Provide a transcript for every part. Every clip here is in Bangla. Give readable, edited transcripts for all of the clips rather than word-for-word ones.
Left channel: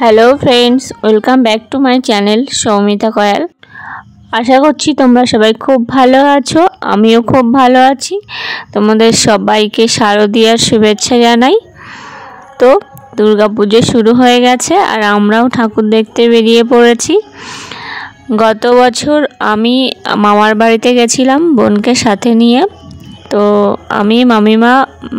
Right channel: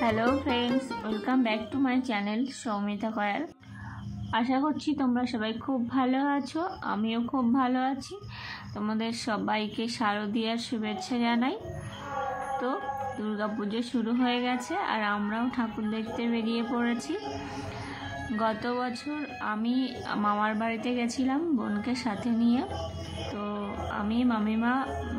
Hello friends, welcome back to my channel Soumita Kayal. আশা করছি তোমরা সবাই খুব ভালো আছো, আমিও খুব ভালো আছি। তোমাদের সবাইকে শারদীয়ার শুভেচ্ছা জানাই। তো দুর্গাপুজো শুরু হয়ে গেছে আর আমরাও ঠাকুর দেখতে বেরিয়ে পড়েছি। গত বছর আমি মামার বাড়িতে গেছিলাম বোনকে সাথে নিয়ে। তো আমি, মামিমা,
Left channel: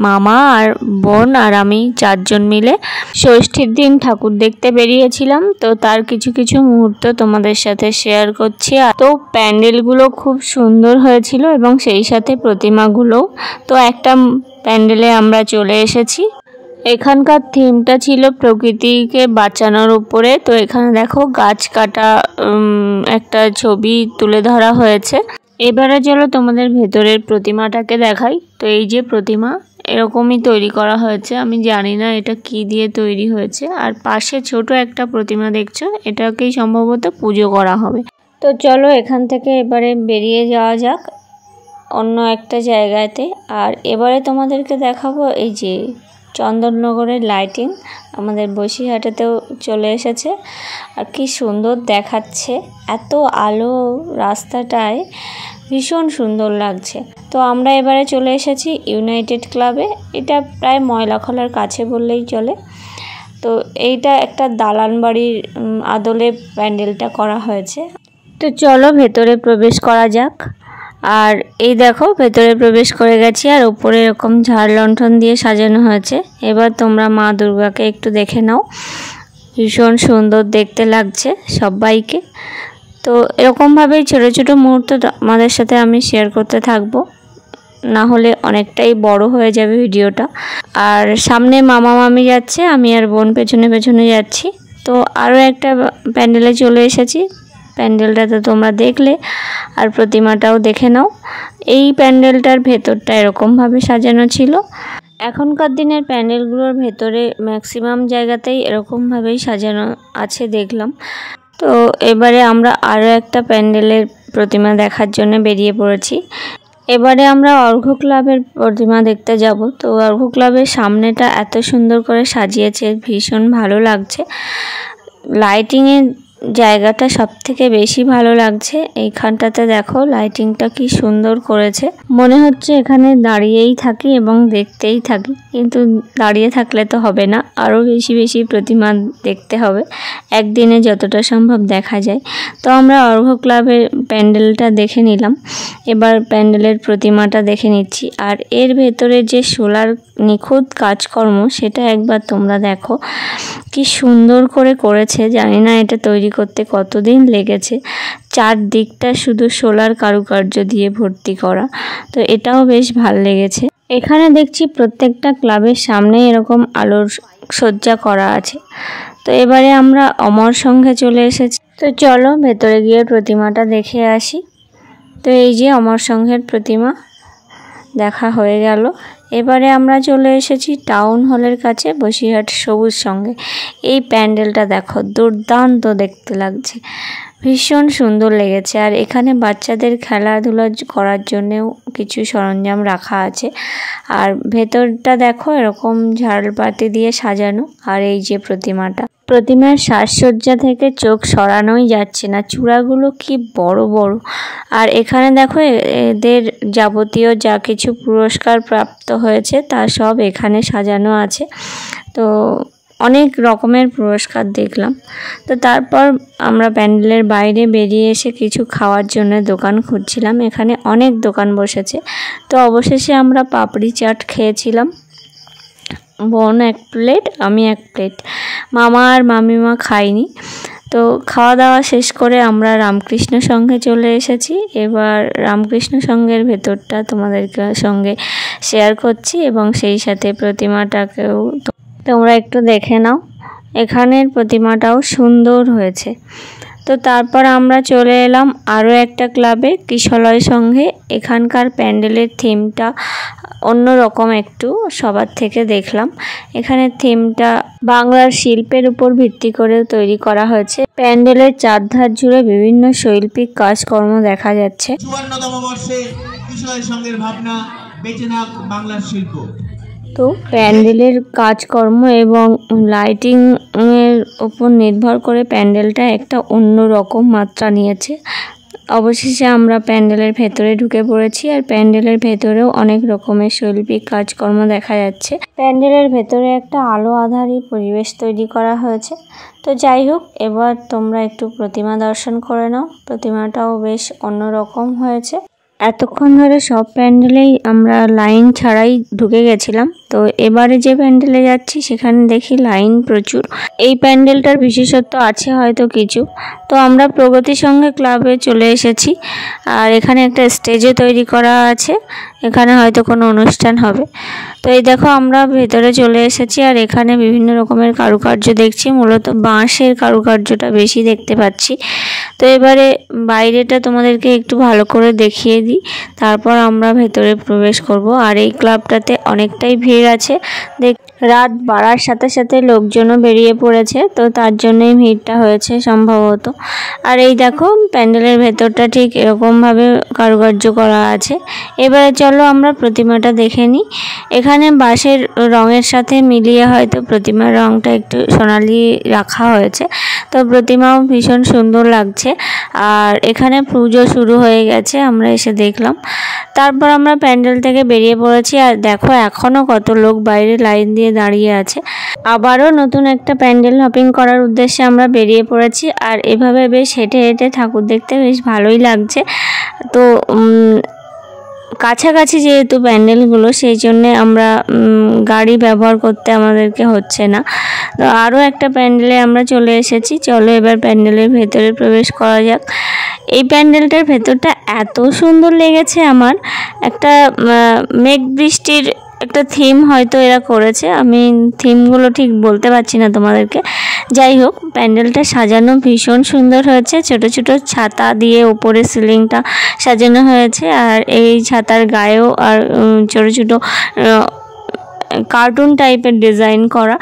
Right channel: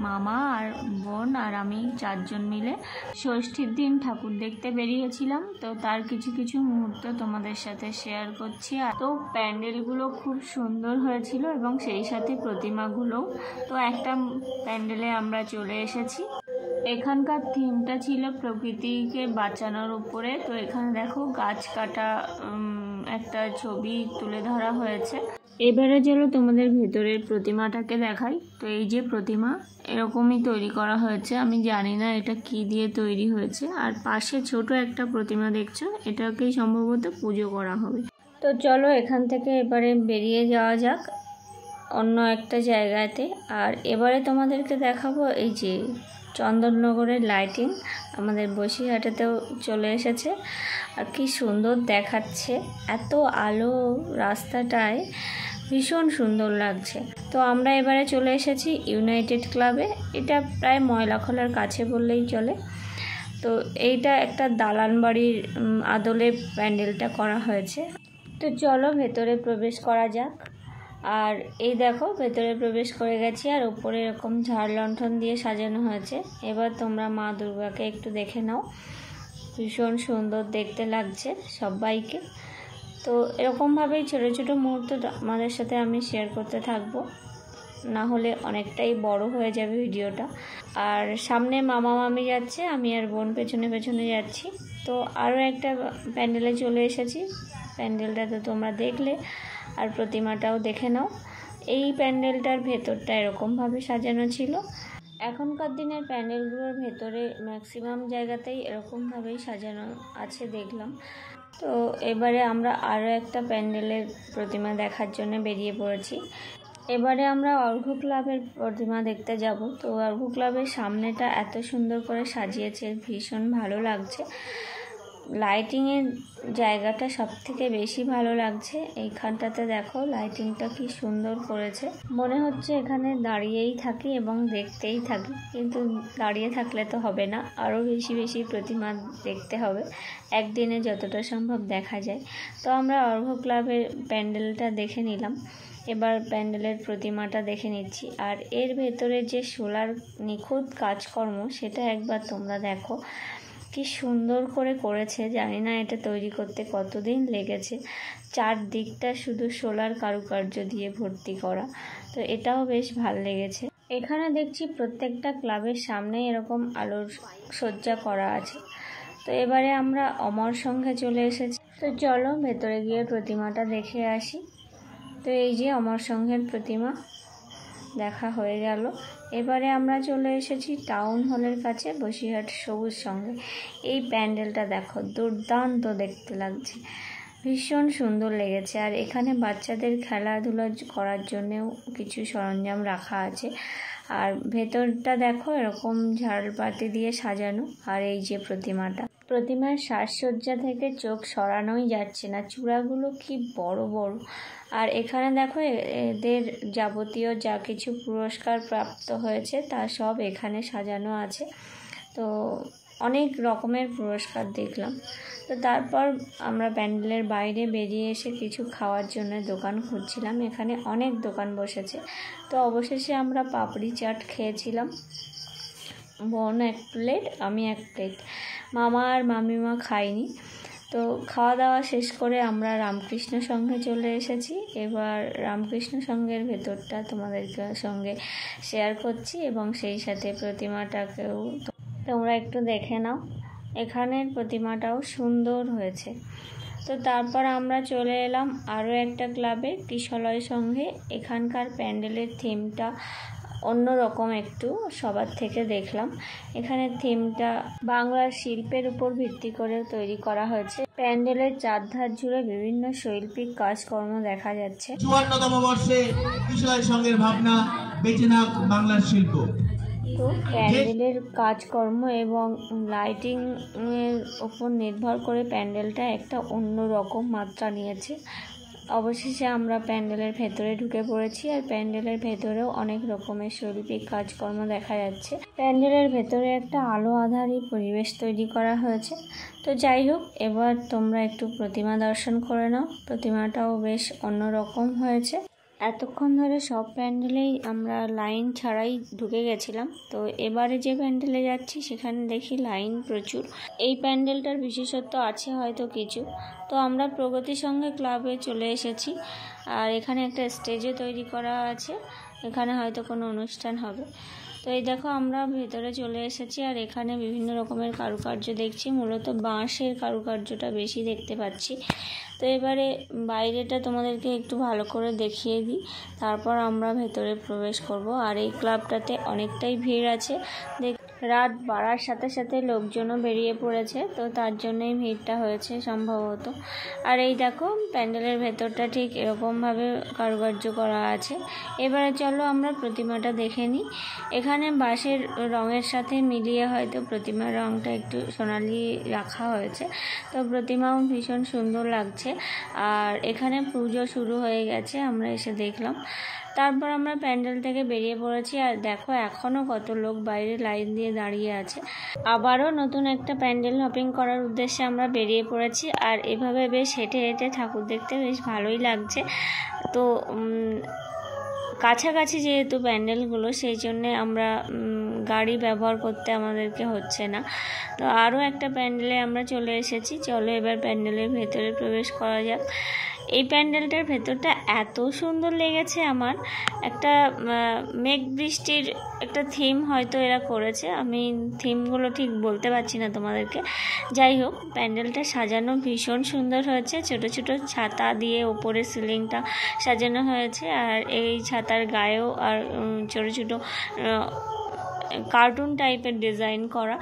মামা আর বোন আর আমি চারজন মিলে ষষ্ঠীর দিন ঠাকুর দেখতে বেরিয়েছিলাম। তো তার কিছু কিছু মুহূর্ত তোমাদের সাথে শেয়ার করছি। তো প্যান্ডেলগুলো খুব সুন্দর হয়েছিল এবং সেই সাথে প্রতিমাগুলোও। তো একটা প্যান্ডেলে আমরা চলে এসেছি। এখানকার থিমটা ছিল প্রকৃতিকে বাঁচানোর উপরে। তো এখানে দেখো গাছ কাটা একটা ছবি তুলে ধরা হয়েছে। এবারে চলো তোমাদের ভেতরের প্রতিমাটাকে দেখাই। তো এই যে প্রতিমা এরকমই তৈরি করা হয়েছে, আমি জানি না এটা কি দিয়ে তৈরি হয়েছে। আর পাশে ছোট একটা প্রতিমা দেখছো, এটাকেই সম্ভবত পুজো করা হবে। তো চলো এখান থেকে এবারে বেরিয়ে যাওয়া যাক অন্য একটা জায়গাতে। আর এবারে তোমাদেরকে দেখাবো এই যে চন্দননগরের লাইটিং আমাদের বসিরহাটেতেও চলে এসেছে। আর কি সুন্দর দেখাচ্ছে, এত আলো রাস্তাটায়, ভীষণ সুন্দর লাগছে। তো আমরা এবারে চলে এসেছি ইউনাইটেড ক্লাবে। এটা প্রায় ময়লাখলার কাছে বললেই চলে। তো এইটা একটা দালান বাড়ির আদলে প্যান্ডেলটা করা হয়েছে। তো চলো ভেতরে প্রবেশ করা যাক। আর এই দেখো ভেতরে প্রবেশ করে গেছি আর উপরে এরকম ঝাড় লণ্ঠন দিয়ে সাজানো হয়েছে। এবার তোমরা মা দুর্গাকে একটু দেখে নাও, ভীষণ সুন্দর দেখতে লাগছে সবাইকে। তো এরকমভাবেই ছোটো ছোটো মুহূর্ত আমাদের সাথে আমি শেয়ার করতে থাকবো, না হলে অনেকটাই বড় হয়ে যাবে ভিডিওটা। আর সামনে মামা মামি যাচ্ছে, আমি আর বোন পেছনে পেছনে যাচ্ছি। তো আরও একটা প্যান্ডেলে চলে এসেছি। প্যান্ডেলটা তো তোমরা দেখলে, আর প্রতিমাটাও দেখে নাও। এই প্যান্ডেলটার ভেতরটা এরকমভাবে সাজানো ছিল। এখনকার দিনের প্যান্ডেলগুলোর ভেতরে ম্যাক্সিমাম জায়গাতেই এরকমভাবেই সাজানো আছে দেখলাম। তো এবারে আমরা আরও একটা প্যান্ডেলের প্রতিমা দেখার জন্য বেরিয়ে পড়েছি। এবারে আমরা অর্ঘ্য ক্লাবের প্রতিমা দেখতে যাব। তো অর্ঘ্য ক্লাবের সামনেটা এত সুন্দর করে সাজিয়েছে, ভীষণ ভালো লাগছে। লাইটিংয়ের জায়গাটা সব থেকে বেশি ভালো লাগছে। এইখানটাতে দেখো লাইটিংটা কি সুন্দর করেছে, মনে হচ্ছে এখানে দাঁড়িয়েই থাকি এবং দেখতেই থাকি। কিন্তু দাঁড়িয়ে থাকলে তো হবে না, আরও বেশি বেশি প্রতিমা দেখতে হবে, একদিনে যতটা সম্ভব দেখা যায়। তো আমরা অর্ঘ্য ক্লাবের প্যান্ডেলটা দেখে নিলাম, এবার প্যান্ডেলের প্রতিমাটা দেখে নিচ্ছি। আর এর ভেতরে যে সোলার নিখুঁত কাজকর্ম, সেটা একবার তোমরা দেখো, কি সুন্দর করে করেছে। জানি না এটা তৈরি করতে কতদিন লেগেছে। চারদিকটা শুধু সোলার কারুকার্য দিয়ে ভর্তি করা। তো এটাও বেশ ভালো লেগেছে। এখানে দেখছি প্রত্যেকটা ক্লাবের সামনে এরকম আলোর সজ্জা করা আছে। তো এবারে আমরা অমর সংঘে চলে এসেছি। তো চলো ভেতরে গিয়ে প্রতিমাটা দেখে আসি। তো এই যে অমর সংঘের প্রতিমা দেখা হয়ে গেল। এবারে আমরা চলে এসেছি টাউন হলের কাছে, বসিরহাট সবুজ সঙ্গে। এই প্যান্ডেলটা দেখো, দুর্দান্ত দেখতে লাগছে, ভীষণ সুন্দর লেগেছে। আর এখানে বাচ্চাদের খেলাধুলা করার জন্যেও কিছু সরঞ্জাম রাখা আছে। আর ভেতরটা দেখো এরকম ঝাড়বাতি দিয়ে সাজানো। আর এই যে প্রতিমার সাজসজ্জা থেকে চোখ সরানোই যাচ্ছে না, চূড়াগুলো কি বড় বড়। আর এখানে দেখো এদের যাবতীয় যা কিছু পুরস্কার প্রাপ্ত হয়েছে তা সব এখানে সাজানো আছে। তো অনেক রকমের পুরস্কার দেখলাম। তো তারপর আমরা প্যান্ডেলের বাইরে বেরিয়ে এসে কিছু খাওয়ার জন্য দোকান খুঁজছিলাম। এখানে অনেক দোকান বসেছে। তো অবশেষে আমরা পাপড়ি চাট খেয়েছিলাম, বোন 1 প্লেট, আমি 1 প্লেট, মামা আর মামিমা খাইনি। তো খাওয়া দাওয়া শেষ করে আমরা রামকৃষ্ণ সংঘে চলে এসেছি। এবার রামকৃষ্ণ সংঘের ভেতরটা তোমাদের সঙ্গে শেয়ার করছি এবং সেই সাথে প্রতিমাটাকেও তোমরা একটু দেখে নাও। এখানের প্রতিমাটাও সুন্দর হয়েছে। তো তারপর আমরা চলে এলাম আরও একটা ক্লাবে, কিশলয় সংঘে। এখানকার প্যান্ডেলের থিমটা অন্যরকম একটু সবার থেকে দেখলাম। এখানে থিমটা বাংলার শিল্পের উপর ভিত্তি করে তৈরি করা হয়েছে। প্যান্ডেলের চারধার জুড়ে বিভিন্ন শৈল্পিক কাজকর্ম দেখা যাচ্ছে। 54তম বর্ষে কিশলয় সংঘের ভাবনা বেঁচে থাক বাংলার শিল্প। তো প্যান্ডেলের কাজকর্ম এবং লাইটিং এর উপর নির্ভর করে প্যান্ডেলটা একটা অন্য রকম মাত্রা নিয়েছে। অবশেষে আমরা প্যান্ডেলের ভেতরে ঢুকে পড়েছি, আর প্যান্ডেলের ভেতরেও অনেক রকমের শৈল্পিক কাজকর্ম দেখা যাচ্ছে। প্যান্ডেলের ভেতরে একটা আলো আঁধারি পরিবেশ তৈরি করা হয়েছে। তো যাই হোক, এবার তোমরা একটু প্রতিমা দর্শন করে নাও। প্রতিমাটাও বেশ অন্যরকম হয়েছে। এতক্ষণ ধরে সব প্যান্ডেলেই আমরা লাইন ছাড়াই ঢুকে গেছিলাম, তো এবারে যে প্যান্ডেলে যাচ্ছি সেখানে দেখি লাইন প্রচুর। এই প্যান্ডেলটার বিশেষত্ব আছে হয়তো কিছু। তো আমরা প্রগতি সংঘ ক্লাবে চলে এসেছি, আর এখানে একটা স্টেজও তৈরি করা আছে, এখানে হয়তো কোনো অনুষ্ঠান হবে। তো এই দেখো আমরা ভেতরে চলে এসেছি, আর এখানে বিভিন্ন রকমের কারুকার্য দেখছি। মূলত বাঁশের কারুকার্যটা বেশি দেখতে পাচ্ছি। তো এবারে বাইরেটা তোমাদেরকে একটু ভালো করে দেখিয়ে দিই, তারপর আমরা ভেতরে প্রবেশ করব। আর এই ক্লাবটাতে অনেকটাই ভিড় আছে। রাত বাড়ার সাথে সাথে লোকজনও বেরিয়ে পড়েছে, তো তার জন্যই ভিড়টা হয়েছে সম্ভবত। আর এই দেখো প্যান্ডেলের ভেতরটা ঠিক এরকমভাবে কারুকার্য করা আছে। এবারে চলো আমরা প্রতিমাটা দেখে নিই। এখানে বাঁশের রঙের সাথে মিলিয়ে হয়তো প্রতিমার রঙটা একটু সোনালি রাখা হয়েছে। তো প্রতিমাও ভীষণ সুন্দর লাগছে। আর এখানে পুজো শুরু হয়ে গেছে, আমরা এসে দেখলাম। তারপর আমরা প্যান্ডেল থেকে বেরিয়ে পড়েছি, আর দেখো এখনও কত লোক বাইরে লাইন দিয়ে দাঁড়িয়ে আছে। আবারও নতুন একটা প্যান্ডেল হপিং করার উদ্দেশ্যে আমরা বেরিয়ে পড়েছি। আর এভাবে বেশ হেঁটে হেঁটে ঠাকুর দেখতে বেশ ভালোই লাগছে। তো কাছাকাছি যেহেতু প্যান্ডেলগুলো, সেই জন্যে আমরা গাড়ি ব্যবহার করতে আমাদেরকে হচ্ছে না। তো আরও একটা প্যান্ডেলে আমরা চলে এসেছি। চলো এবার প্যান্ডেলের ভেতরে প্রবেশ করা যাক। এই প্যান্ডেলটার ভেতরটা এত সুন্দর লেগেছে আমার। একটা মেঘ বৃষ্টির একটা থিম হয়তো এরা করেছে, আমি থিমগুলো ঠিক বলতে পারছি না তোমাদেরকে। যাই হোক, প্যান্ডেলটা সাজানো ভীষণ সুন্দর হয়েছে। ছোট ছোট ছাতা দিয়ে উপরে সিলিংটা সাজানো হয়েছে, আর এই ছাতার গায়েও আর ছোট ছোট কার্টুন টাইপের ডিজাইন করা।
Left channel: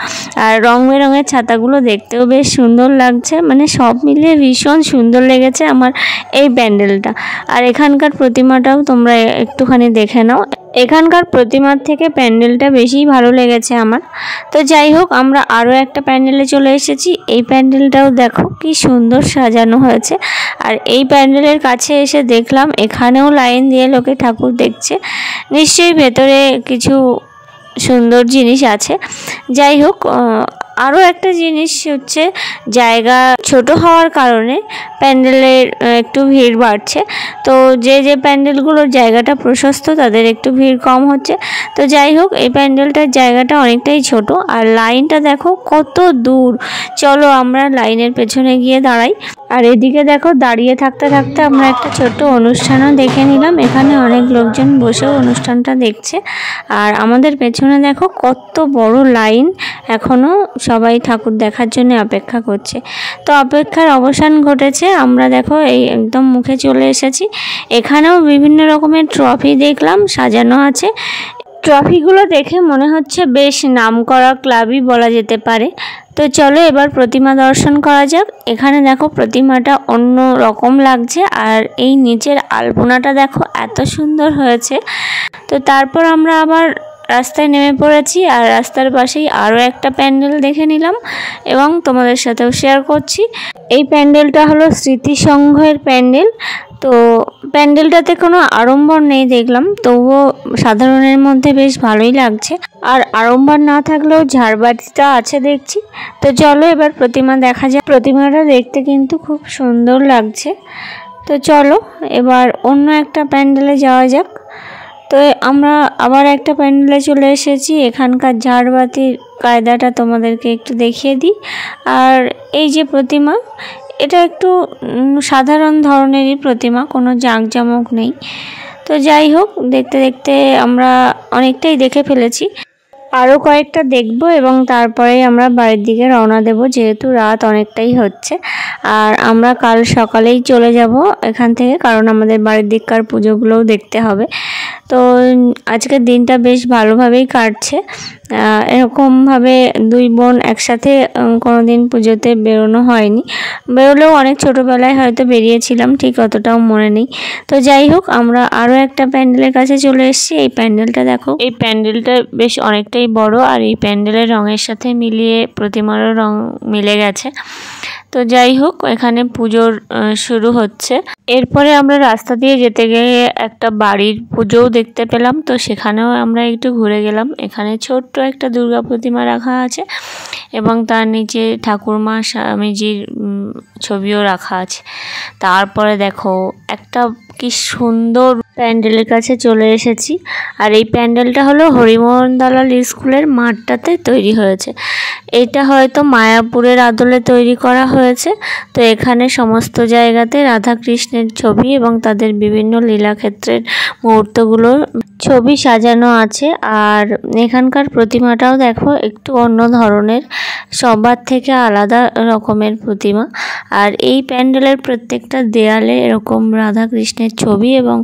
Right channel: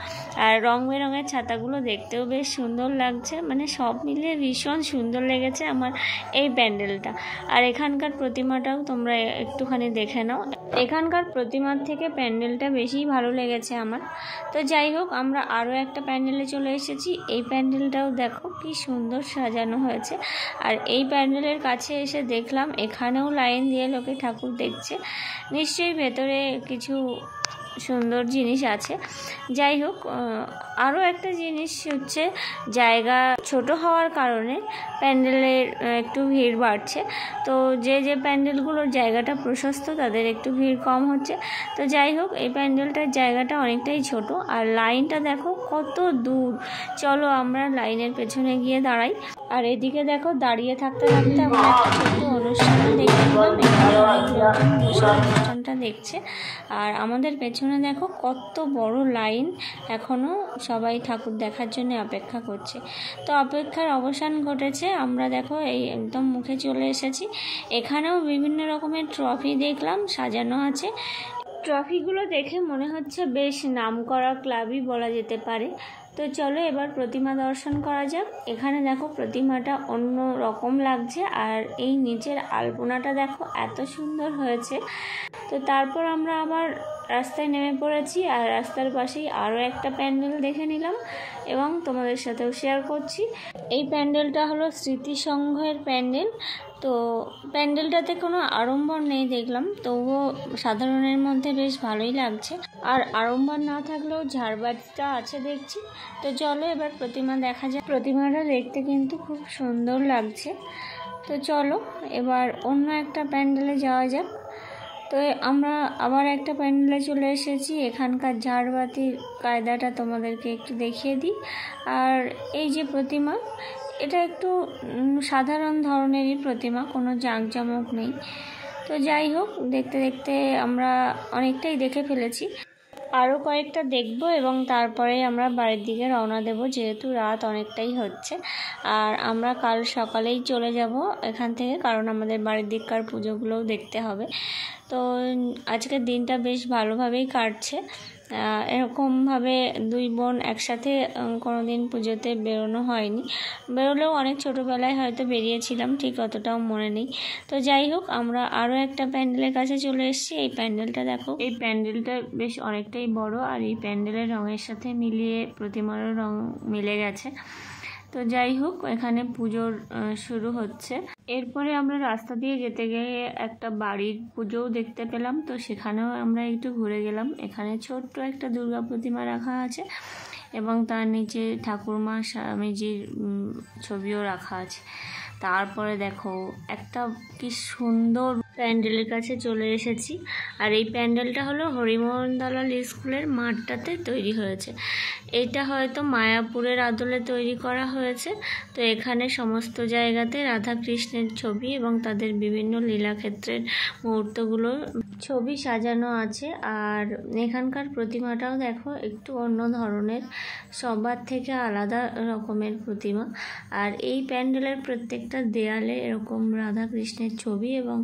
আর রং বেরঙের ছাতাগুলো দেখতেও বেশ সুন্দর লাগছে। মানে সব মিলিয়ে ভীষণ সুন্দর লেগেছে আমার এই প্যান্ডেলটা। আর এখানকার প্রতিমাটাও তোমরা একটুখানি দেখে নাও। এখানকার প্রতিমার থেকে প্যান্ডেলটা বেশি ভালো লেগেছে আমার। তো যাই হোক, আমরা আরও একটা প্যান্ডেলে চলে এসেছি। এই প্যান্ডেলটাও দেখো কি সুন্দর সাজানো হয়েছে। আর এই প্যান্ডেলের কাছে এসে দেখলাম এখানেও লাইন দিয়ে লোকে ঠাকুর দেখছে। নিশ্চয়ই ভেতরে কিছু সুন্দর জিনিস আছে। যাই হোক, আরও একটা জিনিস হচ্ছে, জায়গা ছোট হওয়ার কারণে প্যান্ডেলের একটু ভিড় বাড়ছে। তো যে যে প্যান্ডেলগুলোর জায়গাটা প্রশস্ত তাদের একটু ভিড় কম হচ্ছে। তো যাই হোক, এই প্যান্ডেলটার জায়গাটা অনেকটাই ছোট, আর লাইনটা দেখো কত দূর। চলো আমরা লাইনের পেছনে গিয়ে দাঁড়াই। আর এদিকে দেখো দাঁড়িয়ে থাকতে থাকতে আমরা একটা ছোট্ট অনুষ্ঠানও দেখে নিলাম। এখানে অনেক লোকজন বসেও অনুষ্ঠানটা দেখছে। আর আমাদের পেছনে দেখো কত বড় লাইন, এখনও সবাই ঠাকুর দেখার জন্য অপেক্ষা করছে। তো অপেক্ষার অবসান ঘটেছে, আমরা দেখো এই একদম মুখে চলে এসেছি। এখানেও বিভিন্ন রকমের ট্রফি দেখলাম সাজানো আছে। ট্রফিগুলো দেখে মনে হচ্ছে বেশ নামকরা ক্লাবই বলা যেতে পারে। তো চলো এবার প্রতিমা দর্শন করা যাক। এখানে দেখো প্রতিমাটা অন্য রকম লাগছে, আর এই নিচের আলপনাটা দেখো এত সুন্দর হয়েছে। তো তারপর আমরা আবার রাস্তায় নেমে পড়েছি, আর রাস্তার পাশেই আরও একটা প্যান্ডেল দেখে নিলাম এবং তোমাদের সাথেও শেয়ার করছি। এই প্যান্ডেলটা হলো স্মৃতি সংঘের প্যান্ডেল। তো প্যান্ডেলটাতে কোনো আড়ম্বর নেই দেখলাম, তবুও সাধারণের মধ্যে বেশ ভালোই লাগছে। আর আড়ম্বর না থাকলেও ঝাড়বাতিটা আছে দেখছি। তো চলো এবার প্রতিমা দেখা যাক। প্রতিমাটা দেখতে কিন্তু খুব সুন্দর লাগছে। তো চলো এবার অন্য একটা প্যান্ডেলে যাওয়া যাক। তো আমরা আবার একটা প্যান্ডেলে চলে এসেছি। এখানকার ঝাড়বাতির কায়দাটা তোমাদেরকে একটু দেখিয়ে দিই। আর এই যে প্রতিমা, এটা একটু সাধারণ ধরনেরই প্রতিমা, কোনো জাঁকজমক নেই। তো যাই হোক, দেখতে দেখতে আমরা অনেকটাই দেখে ফেলেছি। আরও কয়েকটা দেখব এবং তারপরে আমরা বাড়ির দিকে রওনা দেব, যেহেতু রাত অনেকটাই হচ্ছে। আর আমরা কাল সকালেই চলে যাব এখান থেকে, কারণ আমাদের বাড়ির দিককার পুজোগুলোও দেখতে হবে। তো আজকের দিনটা বেশ ভালোভাবেই কাটছে। এরকমভাবে দুই বোন একসাথে কোনোদিন পুজোতে বেরোনো হয়নি, বেরোলেও অনেক ছোটোবেলায় হয়তো বেরিয়েছিলাম, ঠিক অতটাও মনে নেই। তো যাই হোক, আমরা আরও একটা প্যান্ডেলের কাছে চলে এসেছি। এই প্যান্ডেলটা দেখো, এই প্যান্ডেলটা বেশ অনেকটাই বড়, আর এই প্যান্ডেলের রঙের সাথে মিলিয়ে প্রতিমারও রং মিলে গেছে। তো যাই হোক, এখানে পুজোর শুরু হচ্ছে। এরপরে আমরা রাস্তা দিয়ে যেতে গিয়ে একটা বাড়ির পুজোও দেখতে পেলাম, তো সেখানেও আমরা একটু ঘুরে গেলাম। এখানে ছোট্ট একটা দুর্গা প্রতিমা রাখা আছে এবং তার নিচে ঠাকুরমা স্বামীজির ছবিও রাখা আছে। তারপরে দেখো একটা কি সুন্দর প্যান্ডেলের কাছে চলে এসেছি, আর এই প্যান্ডেলটা হলো হরিমোহন দালাল স্কুলের মাঠটাতে তৈরি হয়েছে। এটা হয়তো মায়াপুরের আদলে তৈরি করা হয়েছে। তো এখানে সমস্ত জায়গাতে রাধাকৃষ্ণের ছবি এবং তাদের বিভিন্ন লীলাক্ষেত্রের মুহূর্তগুলো ছবি সাজানো আছে। আর এখানকার প্রতিমাটাও দেখো একটু অন্য ধরনের, সবার থেকে আলাদা রকমের প্রতিমা। আর এই প্যান্ডেলের প্রত্যেকটা দেয়ালে এরকম রাধাকৃষ্ণের ছবি এবং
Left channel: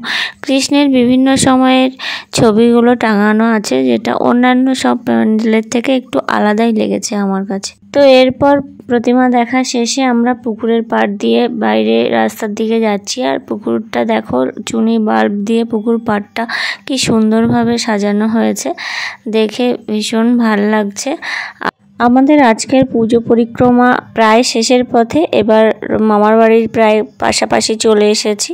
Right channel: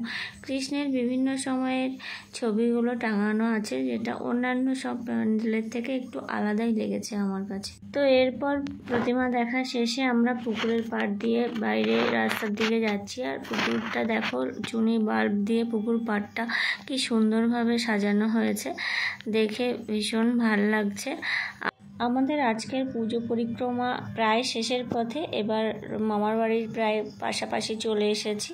কৃষ্ণের বিভিন্ন সময়ের ছবিগুলো টাঙানো আছে, যেটা অন্যান্য সব প্যান্ডেলের থেকে একটু আলাদাই লেগেছে আমার কাছে। তো এরপর প্রতিমা দেখা শেষে আমরা পুকুরের পাড় দিয়ে বাইরে রাস্তার দিকে যাচ্ছি। আর পুকুরটা দেখো, চুনি বাল্ব দিয়ে পুকুর পাড়টা কি সুন্দরভাবে সাজানো হয়েছে, দেখে ভীষণ ভালো লাগছে। আমাদের আজকের পুজো পরিক্রমা প্রায় শেষের পথে, এবার মামার বাড়ির প্রায় পাশাপাশি চলে এসেছি।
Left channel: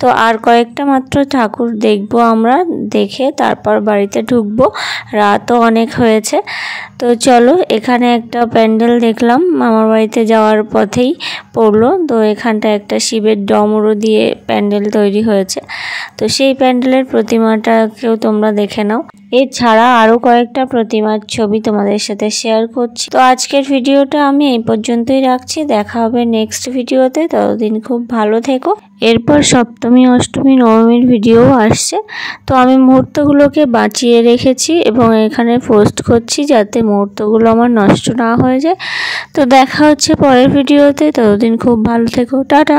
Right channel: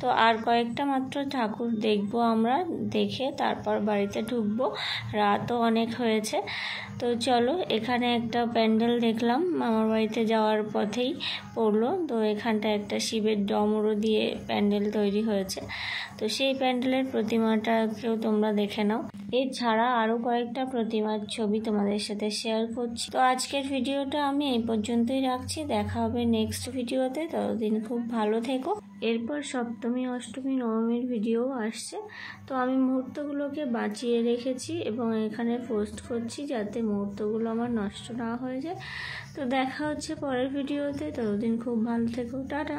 তো আর কয়েকটা মাত্র ঠাকুর দেখব আমরা, দেখে তারপর বাড়িতে ঢুকবো, রাতও অনেক হয়েছে। তো চলো, এখানে একটা প্যান্ডেল দেখলাম মামার বাড়িতে যাওয়ার পথেই পড়লো। তো এখানটা একটা শিবের ডমরু দিয়ে প্যান্ডেল তৈরি হয়েছে, তো সেই প্যান্ডেলের প্রতিমাটাকেও তোমরা দেখে নাও। এছাড়া আরও কয়েকটা প্রতিমার ছবি তোমাদের সাথে শেয়ার করছি। তো আজকের ভিডিওটা আমি এই পর্যন্তই রাখছি, দেখা হবে নেক্সট ভিডিওতে। ততদিন খুব ভালো থেকো। এরপর সপ্তমী, অষ্টমী, নবমীর ভিডিও আসছে, তো আমি মুহূর্তগুলোকে বাঁচিয়ে রেখেছি এবং এখানে পোস্ট করছি যাতে মুহূর্তগুলো আমার নষ্ট না হয়ে যায়। তো দেখা হচ্ছে পরের ভিডিওতে, ততদিন খুব ভালো থেকো, টাটা।